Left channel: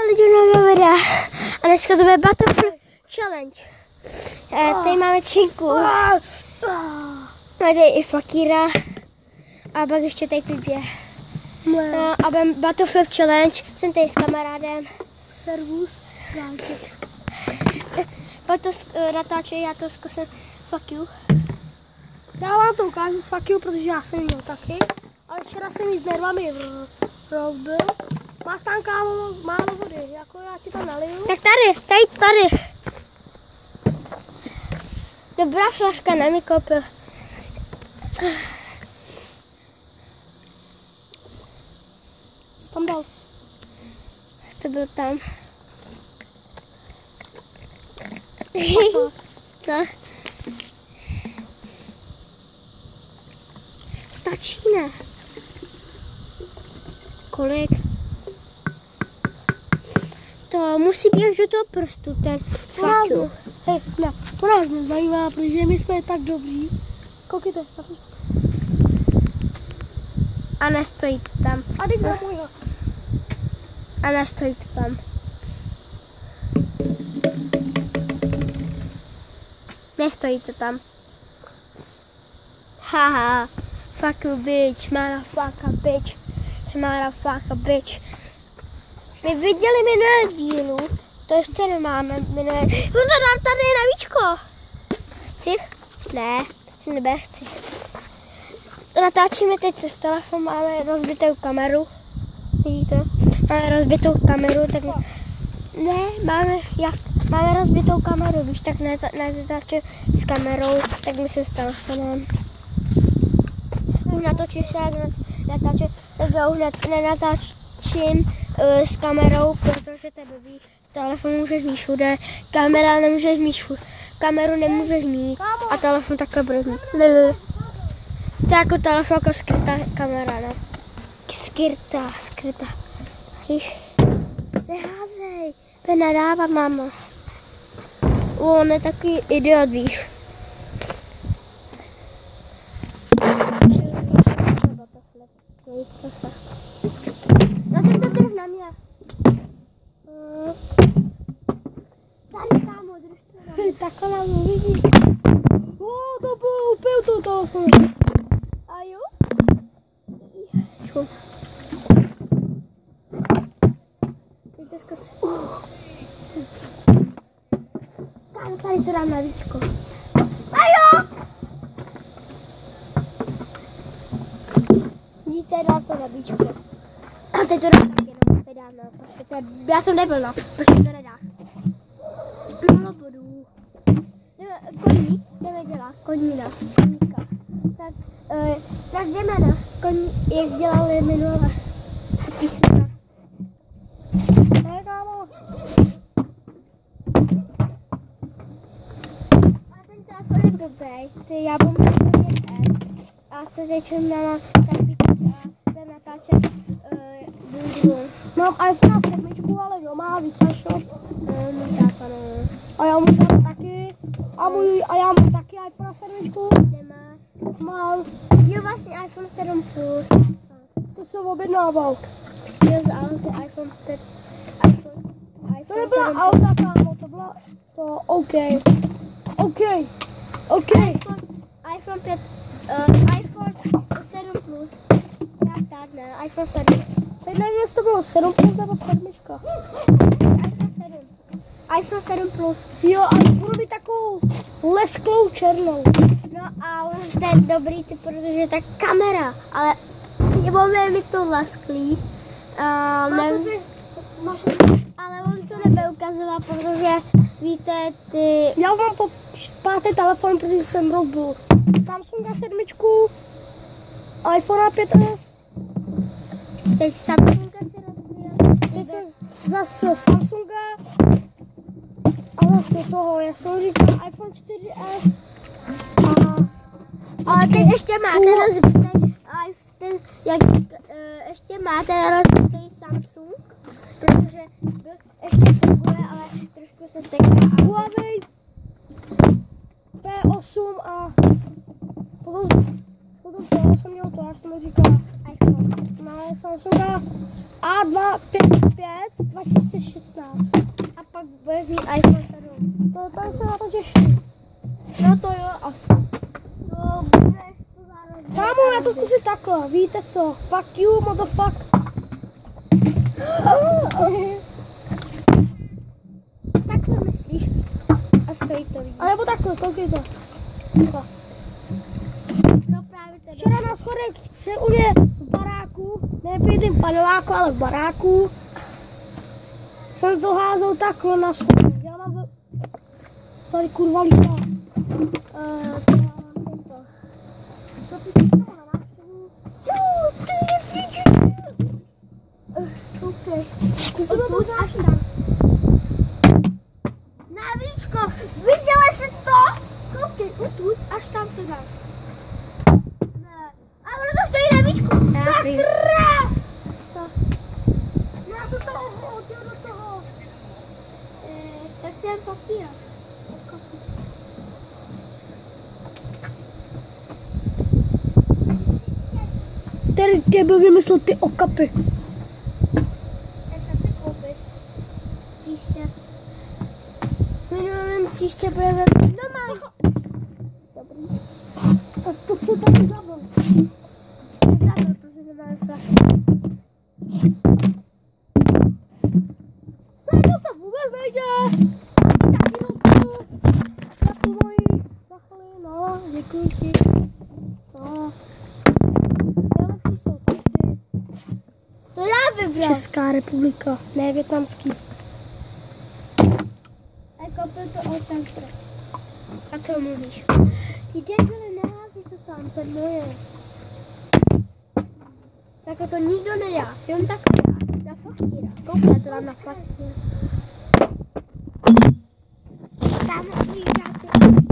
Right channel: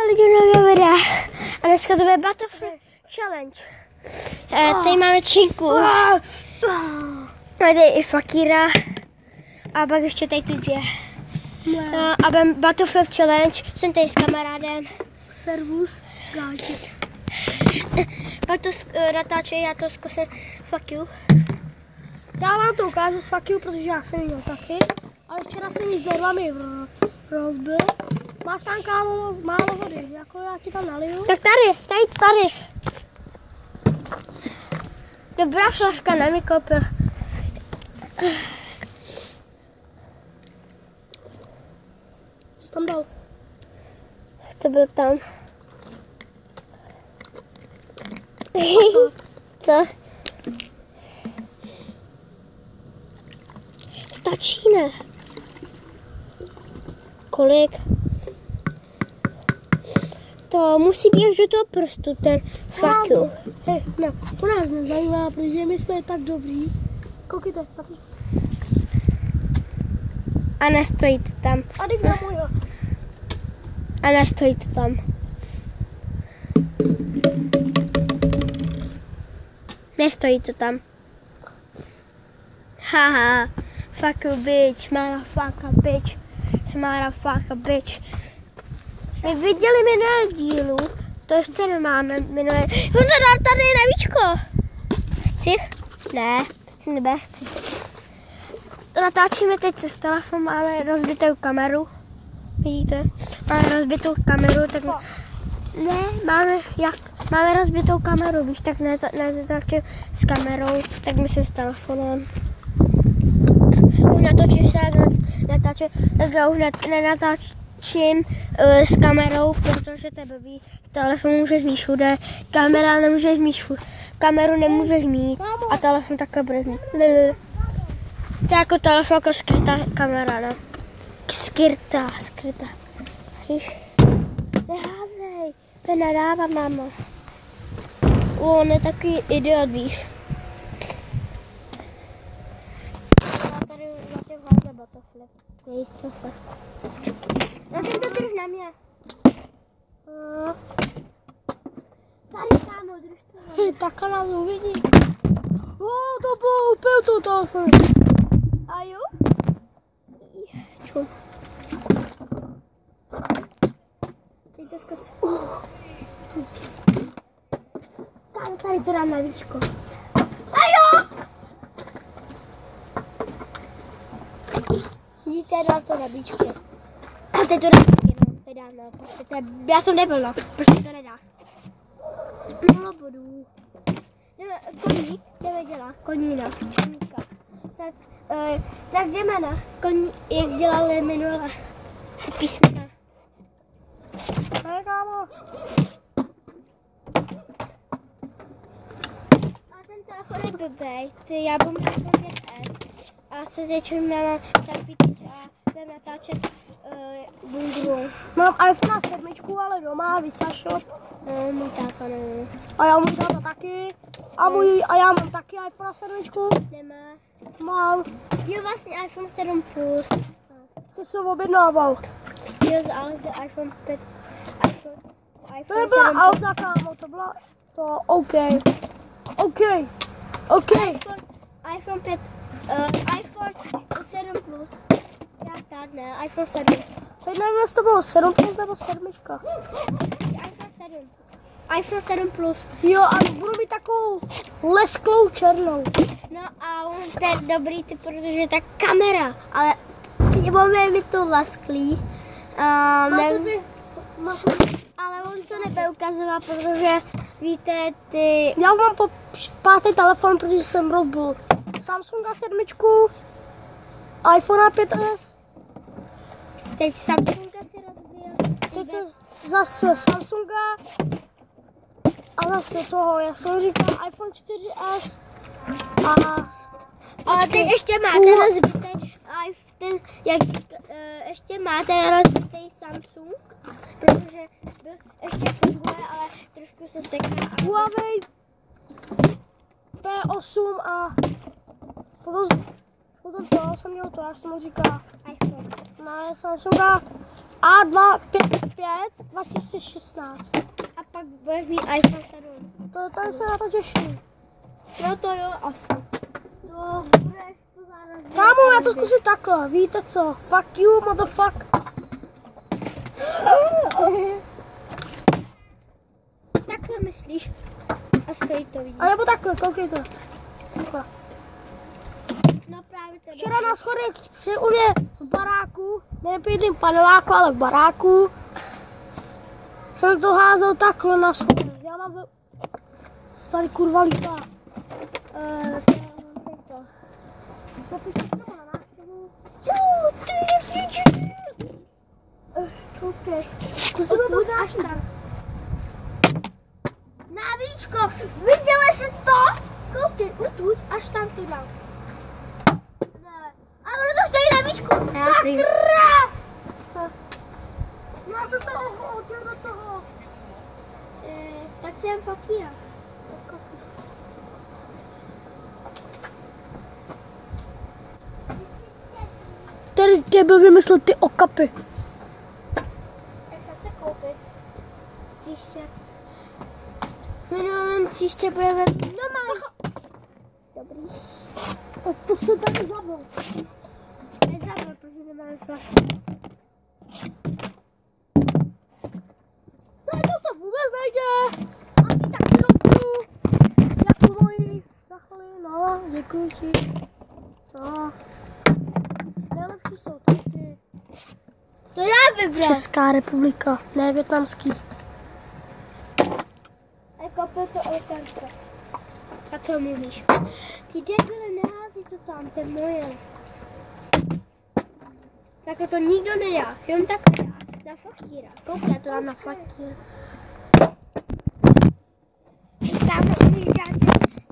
Lidi nového videa. A dneska to bude Battlefield Challenge. Tady máme činku. Tady i Fakíra. A pak ještě tady ty dvě. A budeme Battlefield Challenge. Jsem tady s kamarádem. Servus, gáče. Pak to natáčí, já to zkusím. Fuck you. Já vám to ukážu s fuck you, protože já jsem viděl taky. Ale včera jsem jí s nervami rozbil. Máš tam kámo málo vody, jako já ti tam naliju. Tak tady. Dobrá flaska, na mě koupil. Co jsi tam dal? To byl tam. Co? Stačí, ne? Kolik? To musí být až do toho prstu, ten fuck you. Hej, no, to nás nezajímá, protože my jsme tak dobrý. Koukejte, A nestojí to tam. a teď na můj. A nestojí to tam. Nestojí to tam. Haha. Fuck you bitch, motherfucker bitch. Motherfucker bitch. My viděli minulé dílu, to ještě nemáme minulé. No to tady je navíčko. Chci? Ne, nechci. Natáčíme teď se telefon, máme rozbitou kameru. Vidíte? Máme rozbitou kameru, tak ne, máme rozbitou kameru, víš, tak nenatáčím s kamerou, tak myslím s telefonem. Už natočím se, natáčím, tak já už nenatáčím s kamerou, protože to je blbý. Telefon můžeš mít všude, kamera nemůžeš mít všude, kameru nemůžeš mít a telefon takhle bude mít. To je jako telefon, jako skrytá kamera, ne? Skrytá. Víš? Neházej, to nedávám, mámo. On je takový idiot, víš. Nejíste se. No teď to drž na mě. Tady tam, držte. Hej, takhle nás uvidí. To bylo úplně to telefon. A jo? Čum. Teď to zkusím. Tady to dám na víčko. A jo! Vidíte, dal to na víčko. A teď to dám taky na prostě já jsem nebyl, prostě to nedá. Málo bodů. Koník, jdeme dělat, koníka. Tak jdeme na koní, jak dělali minule písmena. Hej, kámo. A ten telefon je blbej, já budu mít S. A co zječím na selfieček a budeme natáčet druhou. Mám iPhone 7, ale doma, více shop. Můj táta nevím. A já můj táta taky. A já mám taky iPhone 7. Nemá. Mám. Jo, vlastně iPhone 7 Plus. To jsem objednával. Jo, ale z iPhone 5. To nebyla auta, kámo, to byla to OK. iPhone 5, iPhone 7 Plus. Tak ne, iPhone 7. Teď nevím, jestli to bylo 7 plus nebo 7. iPhone 7 Plus. Jo, a budu mít takovou lesklou černou. No a on je dobrý typ, protože je ta kamera, ale bude mi to lesklý. Ale on to nebude ukazovat, protože víte, ty... Já mám po 5. telefon, protože jsem rozbil Samsunga 7, iPhone 5s. Teď Samsunga si rozbíjel. Teď se zase Samsunga a zase toho, jak jsem říkal, iPhone 4s. Ale teď ještě máte rozbitý iPhone, ještě máte rozbitý Samsung, protože ještě funguje, ale trošku se seká. Huawei P8 a potom to jsem měl to, já jsem mu říkal iPhone. na Samsunga A255 2016. A pak budeš mít iPhone 7. To se na to těším. No to jo, asi. No, budeš to zároveň. Kámo, já to zkusím takhle, víte co? Fuck you, motherfuck. Takhle myslíš? A stojí to víc. A nebo takhle, koukejte. Takhle. No právě teda. Včera na schodech u mě v baráku, ne v jedním paneláku, ale v baráku, jsem to házel takhle na schodech. Já mám tady kurva lítá. Co ty jsi tomu na návštěvu? Koukej. Zkusíme to Až tam. Navíčko, viděla jsi to? Koukej, utud, až tam to dám. Ne. A ono to stojí na víčku. Sakra! Já jsem to hodil do toho. Tak jsem fakíra. Který tě byl vymyslet ty okapy? Jak se koupit? Příště. Minulým příště budeme doma. Dobrý. Tak to se taky zabil. Nezabil, protože nemáme flašku. Tady to vůbec nejde. Asi taky rozbiju. Jako moji. Zachli, no, děkuji ti. No. Nejlepší jsou tady ty. To já vybral. Česká republika, ne vietnamský. A koupil to otevře. A co mluvíš? Ty debile, nehází to tam, to je moje. Tak to nikdo nedá, jenom takhle dá. Na fakíra. Koukej, to dám na fakíra.